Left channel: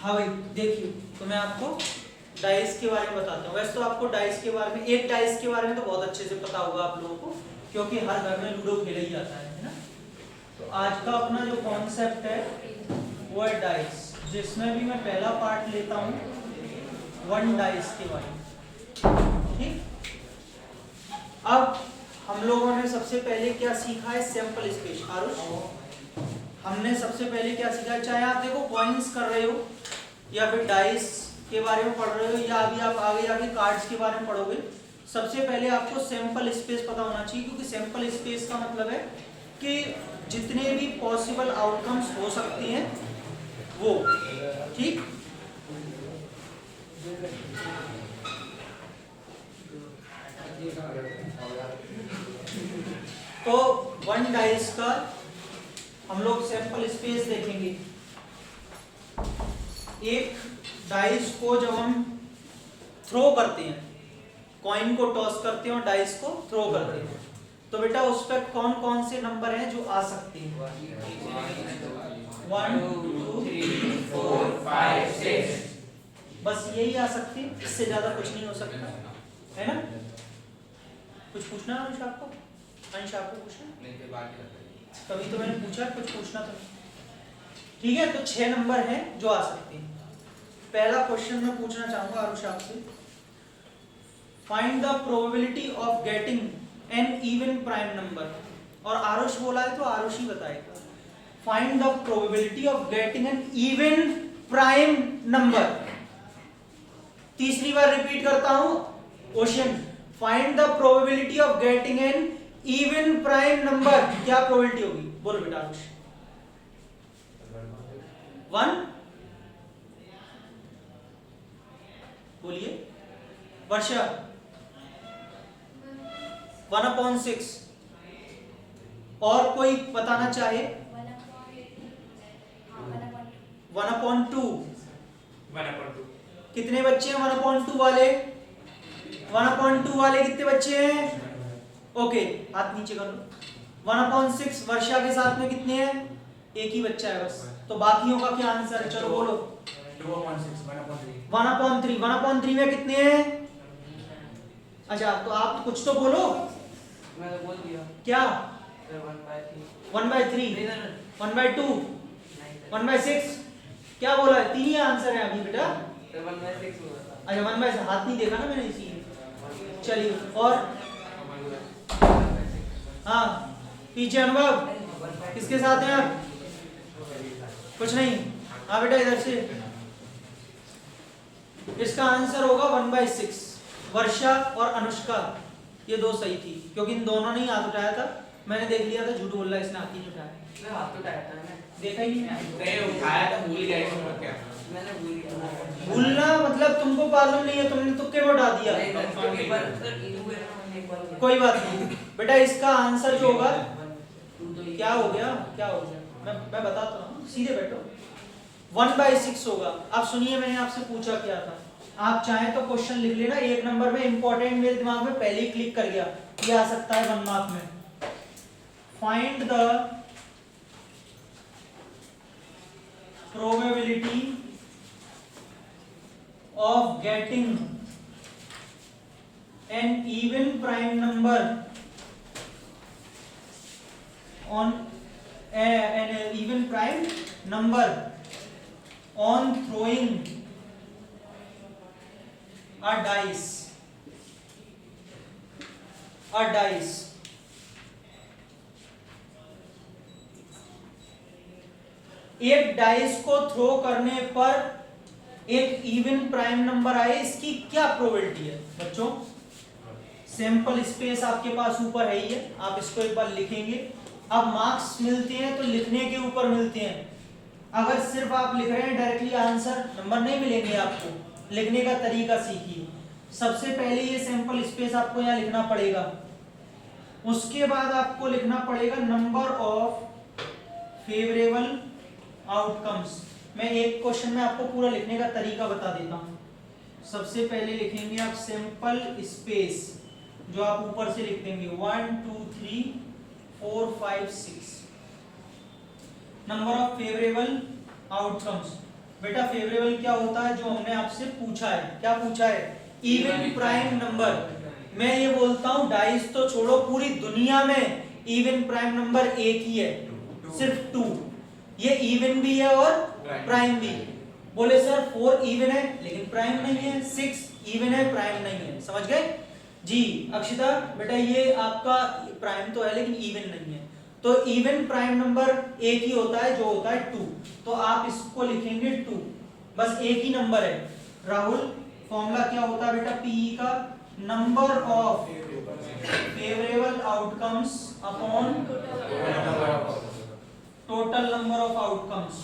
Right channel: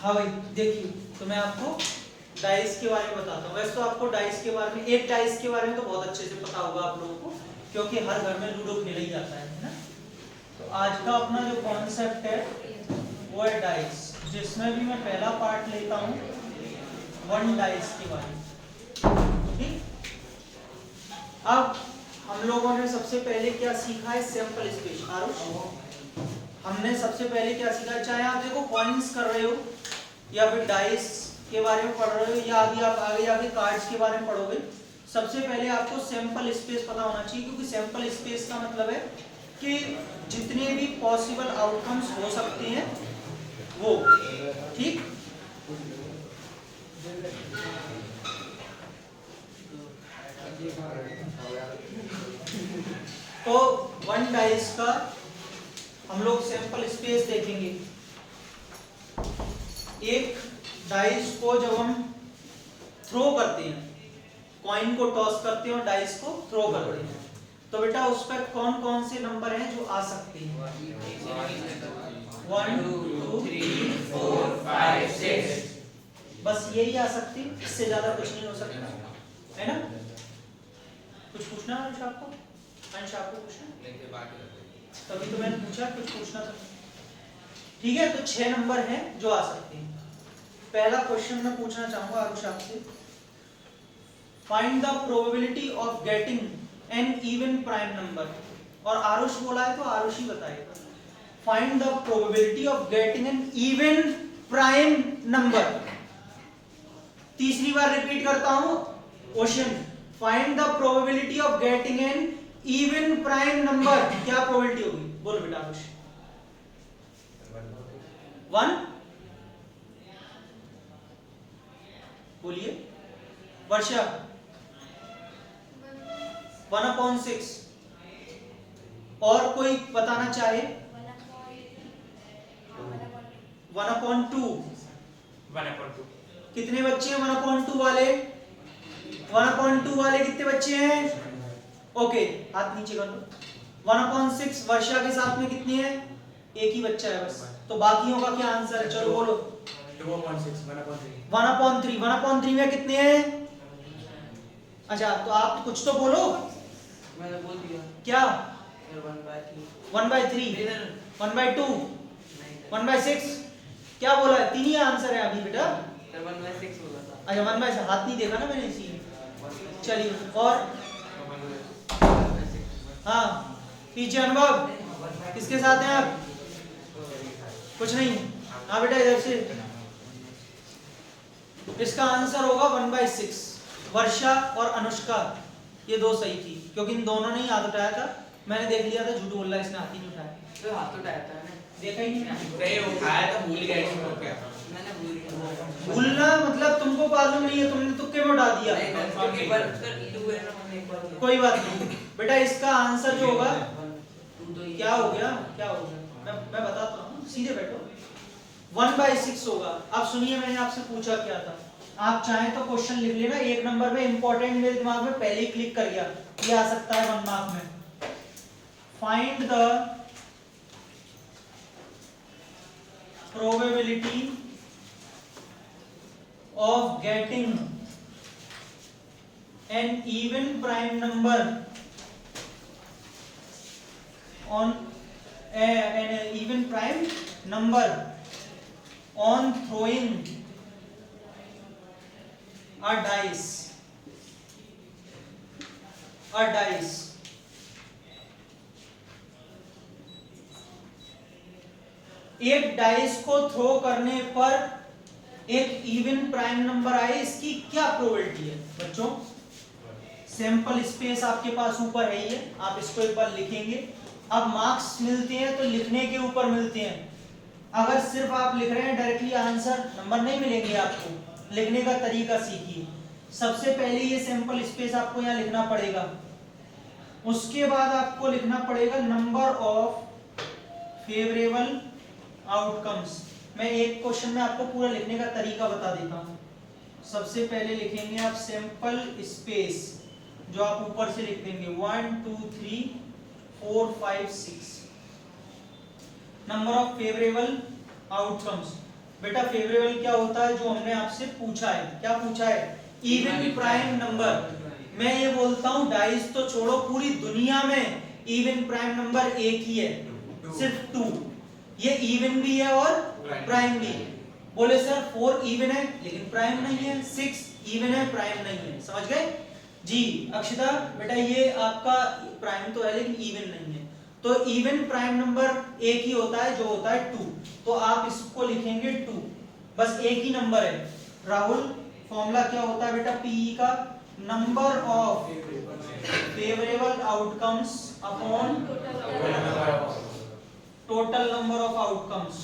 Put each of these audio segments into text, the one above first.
हाँ भाई देखिए, तो मैं आपको डाइस के बारे में बताता हूँ। वैसे तो आपको डाइस के बारे में, एक डाइस के बारे में तो बहुत अच्छे से पता होगा आप लोगों को, क्योंकि हर घर में लूडो खेला ही जाता है ना। तो आज का अपना जो कॉन्सेप्ट है वो है डाइस, जिसमें भी मैं पहला पार्ट लेता हूँ वन डाइस के बारे में। ठीक, अब हम लोगों ने सबसे पहले क्या सीखा है, सैंपल स्पेस। आरुष, हमने सबसे पहले क्या सीखा है, चाहे आप देखो कॉइन्स कर रहे हो या फिर डाइस के बारे में पढ़ रहे हो या अभी आप आगे आगे कार्ड्स के बारे में पढ़ोगे, सबसे पहले आपको सैंपल स्पेस पता होना चाहिए। क्योंकि सैंपल स्पेस का मतलब है कि जितने भी पॉसिबल आउटकम्स हो सकते हैं वो, ठीक। तो वन डाइस का हम लोग सैंपल स्पेस देखेंगे। एक डाइस को जब हम थ्रो करते हैं, कॉइन को टॉस करते हैं और डाइस को थ्रो करते हैं, तो बेटा उस पर कौन कौन से नंबर हैं जो आ सकते हैं? 1 2 3 4 5 6, बस यही आ सकती है, इससे ज्यादा कुछ नहीं हो सकता है ना। कुछ पूछना है अंश आपको? अंश आपको पूछना? तभी तो मैंने पूछा, कुछ पूछना था। ठीक है, तो 6 नंबर हैं जो आ सकते हैं। पहला क्वेश्चन मैं पूछना चाहूंगा आरुष आपसे, find the probability of getting N even prime number. और आरुष बोला है तो आरुष ही बताएगा। Find the probability of getting N even prime number. तीसरी बार रिपीट करता हूं question, find the probability of getting N even prime number. क्या प्रोबेबिलिटी होगी, बोलो बेटा आरुष। 1, बोलिए वर्षा। 1/6। और कोई बताना चाहे? 1/2। कितने बच्चे हैं 1/2 वाले? 1/2 वाले कितने बच्चे हैं? ओके, हाथ नीचे कर लो। 1/6 वर्षा के साथ में कितने हैं? एक ही बच्चा है बस, तो बाकियों का क्या आंसर है? चलो बोलो। 1/3। 1/3 में कितने हैं? अच्छा, तो आप कुछ तो बोलो। मैं तो बोल दिया। क्या? 1/3 1/2 1/6 क्या बोला है? 3 ही आंसर है अभी बेटा। 1/6 बोला था। अच्छा 1/6, हाथ नहीं देखा ना मैंने इसीलिए। चलिए, और हाँ पीछे अनुभव किसके साथ हैं आप? कुछ नहीं। हाँ बेटा इधर से। इसका आंसर होगा 1/6। वर्षा और अनुष्का ये दो सही थी, क्योंकि इन दोनों ने ही हाथ उठाया था। मैंने देख लिया था झूठ बोल रहा है, इसने हाथ ही नहीं उठाया। तो हाथ उठाया था ना, देखा ही नहीं। उठाया था, भूल गया इसको क्या? मैंने भूल गया। भूलना मतलब तुमको मालूम नहीं है, तुमने तुक्के में उठा दिया। कोई बात नहीं बेटा, इसका आंसर जो होगा, क्या हो गया, क्या हो गया, मैं बताता हूँ, सीधे बैठो। 1/6 होगा। अब सुनिए, मैंने आपसे पूछा क्या था। आप चाहें तो क्वेश्चन लिख लेना, 1 नंबर में इंपॉर्टेंट, मेरे दिमाग में पहले ही क्लिक कर गया, ये आ सकता है 1 मार्क में। Find the probability of getting an even prime number on an even prime number on throwing a dice. एक डाइस को थ्रो करने पर एक इवन प्राइम नंबर आए, इसकी क्या प्रोबेबिलिटी है बच्चों? सैंपल स्पेस आपके पास ऊपर है ही है, आप इसको एक बार लिखेंगे। अब मार्क्स मिलते हैं तो लिखने के ऊपर मिलते हैं। अगर सिर्फ आप लिख रहे हैं डायरेक्टली आंसर, नंबर नहीं मिलेंगे आपको। लिखने का तरीका सीखिए। सबसे पहले ये सैंपल स्पेस आपको यहाँ लिखना पड़ेगा, उसके बाद आपको लिखना पड़ेगा नंबर ऑफ फेवरेबल आउटकम्स। मैं एक क्वेश्चन में आपको पूरा लिखने का तरीका बता देता हूँ। सबसे पहले लिखेंगे आप सैंपल स्पेस, जो आप ऊपर से लिख देंगे 1 2 3 4 5 6। नंबर ऑफ फेवरेबल आउटकम्स, बेटा फेवरेबल क्या होता है, जो हमने आपसे पूछा है, क्या पूछा है, इवन प्राइम नंबर। मैं ये बोलता हूँ डाइस तो छोड़ो, पूरी दुनिया में इवन प्राइम नंबर एक ही है, सिर्फ 2। ये इवन भी है और प्राइम भी। बोले सर 4 इवन है लेकिन प्राइम नहीं है, 6 इवन है प्राइम नहीं है, समझ गए जी। अक्षिता बेटा ये आपका प्राइम तो है लेकिन इवन नहीं है, तो इवन प्राइम नंबर एक ही होता है जो होता है 2, तो आप इसको लिखेंगे 2, बस एक ही नंबर है। राहुल फॉर्मूला क्या होता है बेटा पीई का, number of favourable outcomes upon total number of outcomes,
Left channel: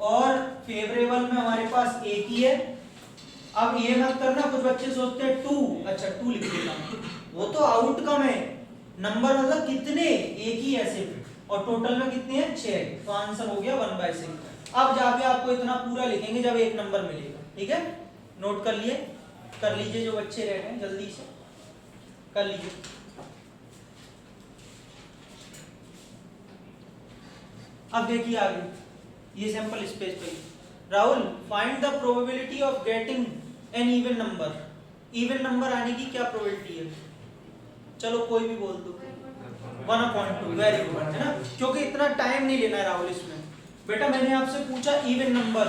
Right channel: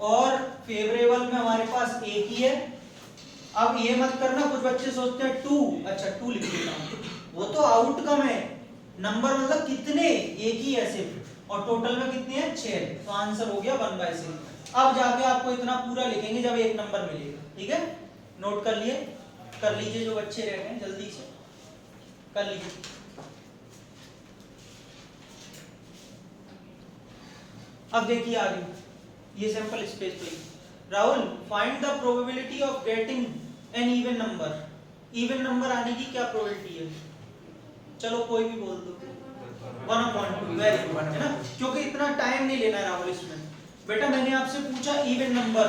और फेवरेबल में हमारे पास एक ही है। अब ये मत करना, कुछ बच्चे सोचते हैं 2, अच्छा 2 लिख देता हूं, वो तो आउटकम है, नंबर मतलब कितने, एक ही है सिर्फ, और टोटल में कितने हैं 6, तो आंसर हो गया 1/6। अब जाके आपको इतना पूरा लिखेंगे जब एक नंबर मिलेगा, ठीक है, नोट कर लिए, कर लीजिए जो बच्चे रह गए हैं जल्दी से कर लीजिए। अब देखिए आगे, ये सैंपल स्पेस पे Rahul find the probability of getting N even number. Even number आने की क्या प्रोबेबिलिटी है, चलो कोई भी बोल दो, 1/2, वेरी गुड, है ना, क्योंकि इतना टाइम नहीं लेना है राहुल इसमें। बेटा मैंने आपसे पूछा इवन नंबर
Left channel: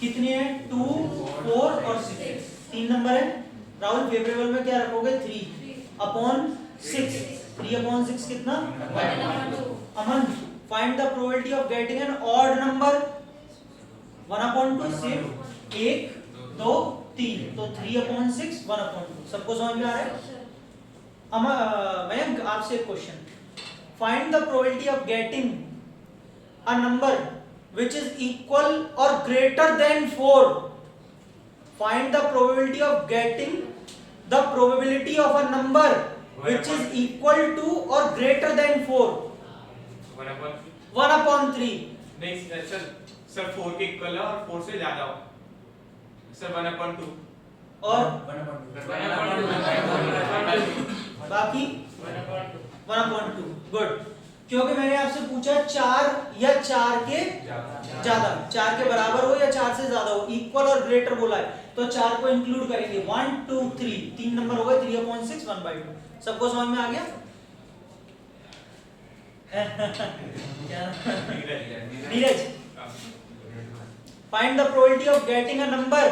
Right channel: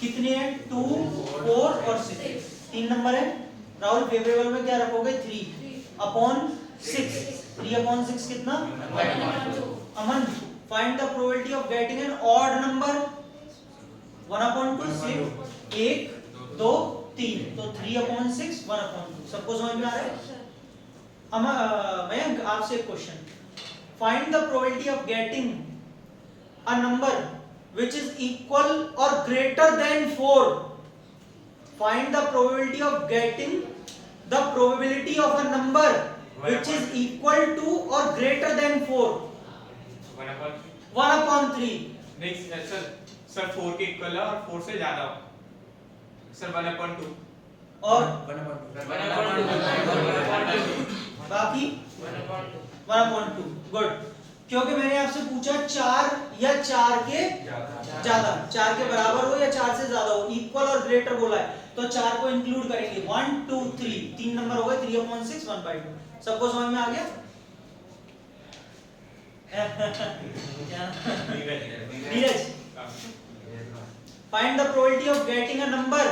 कितने हैं, 2, 4 और 6, 3 नंबर है। राहुल फेवरेबल में क्या रखोगे, 3/6, 3/6 कितना, अमन find the probability of getting an odd number, 1/2, सिर्फ 1, 2, 3, तो 3/6, 1/2, सबको समझ में आ रहा है। मैं आपसे एक question, find the probability of getting a number which is equal or greater than 4, find the probability of getting the probability of a number which is equal to or greater than 4, 1/3। नहीं sir 4 के equal है और 4 से ज्यादा हो sir, 1/2 और बाकी 1/2, good, क्योंकि मैंने आपसे पूछा 4 या 4 के ज्यादा, 4 के बराबर हो या 4 से ज्यादा हो, इक्वल और ग्रेटर बोला है, तो 4 को इंक्लूड करेंगे, 1, 2, 3, 3 नंबर हो गए, 3/6, 1/2, सबको समझ में आ गया। Neeraj find the probability of getting a number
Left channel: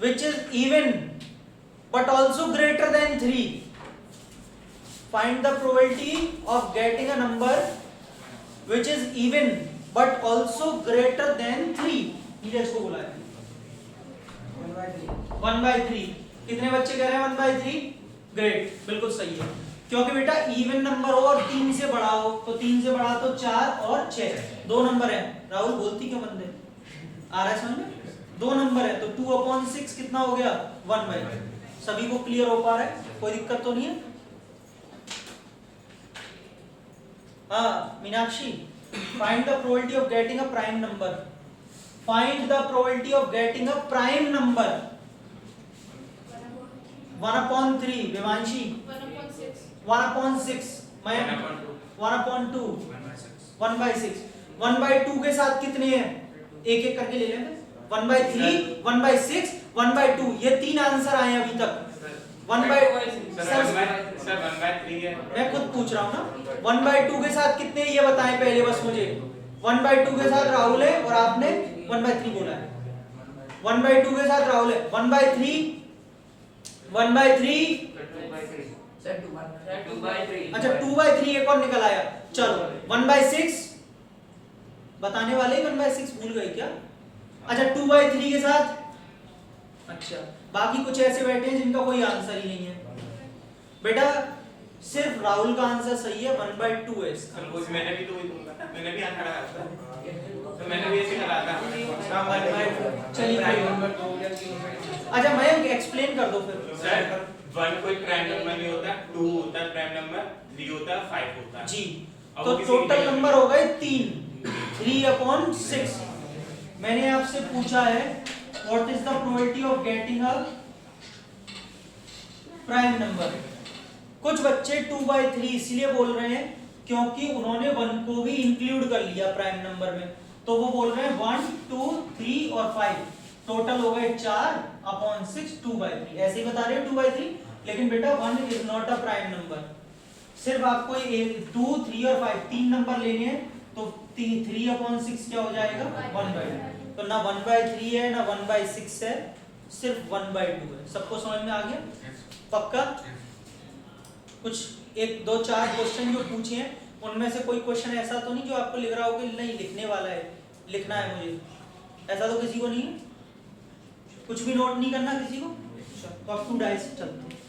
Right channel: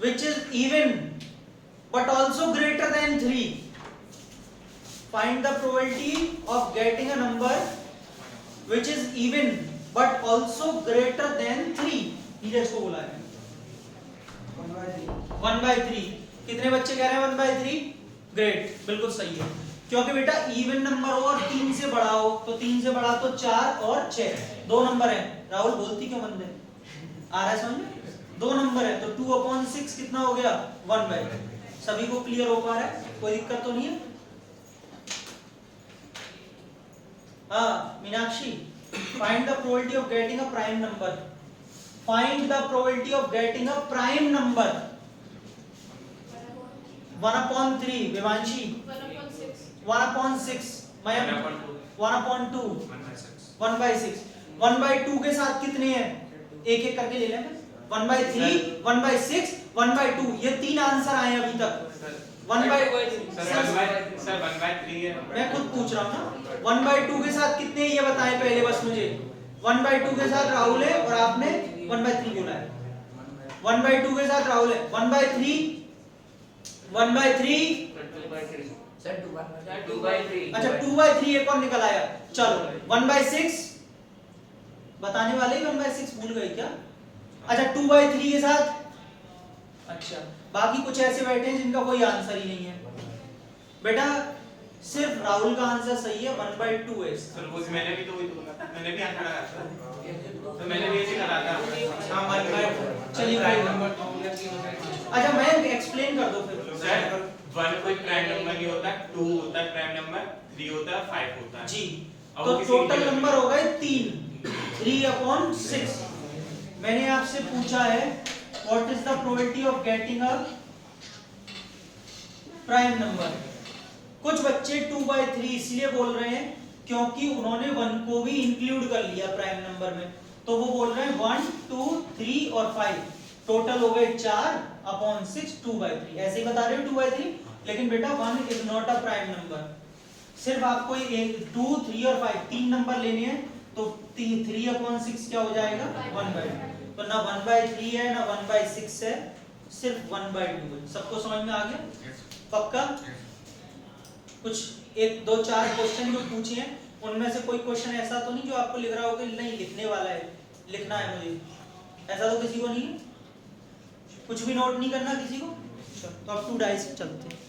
which is even but also greater than 3, find the probability of getting a number which is even but also greater than 3। Neeraj को बुलाया 1/3, कितने बच्चे कह रहे हैं 1/3, ग्रेट, बिल्कुल सही है, क्योंकि बेटा इवन नंबर हो और 3 से बड़ा हो, तो 3 से बड़ा तो 4 और 6, 2 नंबर है। राहुल बोलती क्यों बंदे, आ रहा है समझ में, 2 नंबर है, तो 2/6 कितना हो गया, 1/2। सभी को क्लियर हो पा रहा है, कोई दिक्कत तो नहीं है। Meenakshi find the probability of getting a prime number, find the probability of getting a prime number, 1/3, विवांशी 1/6, Mayank 1/2, 1/6, 1/2 के साथ कितने हैं, एक एक करके ले लेंगे, 1/3, 1/6, 1/2, ये 3 आंसर आए अभी तक। 1/3 है, मैं खुद पूछ रहा हूँ ना, 1/2 के साथ कितने ये बताएं पहले बस मुझे। 1/2 के साथ राहुल है और आपने 1/3 बोला है, 1/2 के साथ राहुल है, 1/3, 1/3, अच्छा 2/3 एक और निकल आया, चलो 1/6 बताने वाले, 1/6 भूल गए क्या, अच्छा 2/3 के साथ, अच्छा बाकी कुछ ऐसे बैठे हैं जिनका कोई आंसर ही नहीं है। बेटा सिर्फ राहुल का आंसर सही है, 1/2 है इसका। सर कुछ मैंने भी तो वही बोला, मैंने भी आंसर लगाया था, तो मैंने भी ऐसे करा था। चलिए अच्छा मैं एक्सप्लेन कर दो फिर। सर 1 कोई प्राइम नंबर नहीं होता, 2 होता है प्राइम नंबर, 3 होता है, 5 होता है जी, अब तो वो किसी टोटल इंटीजर नंबर हो गए 3, 3/6। मैंने आपसे पूछा है what is the probability of getting a prime number. कुछ बच्चे 2/3 इसलिए बोल रहे हैं क्योंकि उन्होंने 1 को भी इंक्लूड कर लिया प्राइम नंबर में, तो वो बोल रहे हैं 1 2 3 और 5 टोटल हो गए 4/6 2/3 ऐसे ही बता रहे हो 2/3 लेकिन बेटा 1 is not a prime number सिर्फ आपको 2 3 और 5 तीन नंबर लेने हैं तो 3/6 क्या हो जाएगा 1/2 तो ना 1/3 है ना 1/6 है सिर्फ 1/2 है सबको समझ में आ गया पक्का कुछ 1 2 4 क्वेश्चन जो पूछे हैं उनमें से कोई क्वेश्चन ऐसा तो नहीं जो आपको लिख रहा हो कि नहीं लिखने वाला है लिखना है मुझे ऐसा तो किसी को नहीं है कुछ भी नोट नहीं करना किसी को तो अब 2 डाइस चलते हैं